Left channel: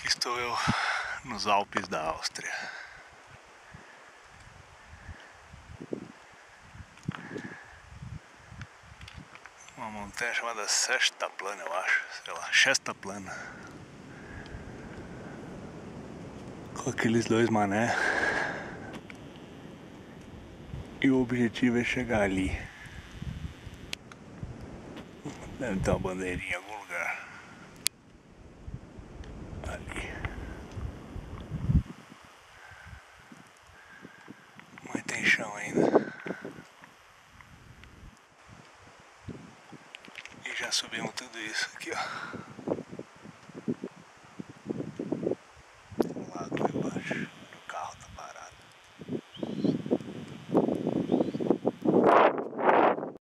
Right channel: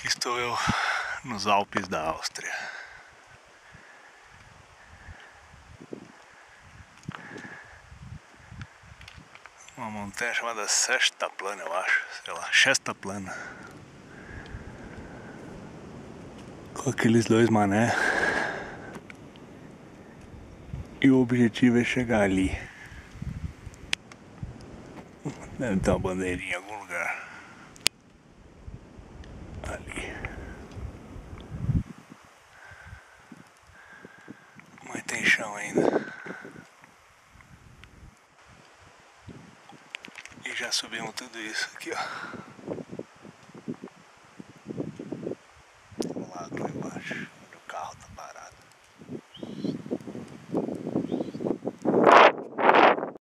Aqui estou eu nos Alpes da Áustria. Uma montanha chamada Sextaplana, eu acho, sei lá, Sextaplana. Com aqueles dois mané. E o objetivo é chegar ali. Deve ter uma bandeirinha em algum lugar. Ali. Mas tem chão ainda. E já subimos tudo isso aqui, ó. Tem um lago lá embaixo.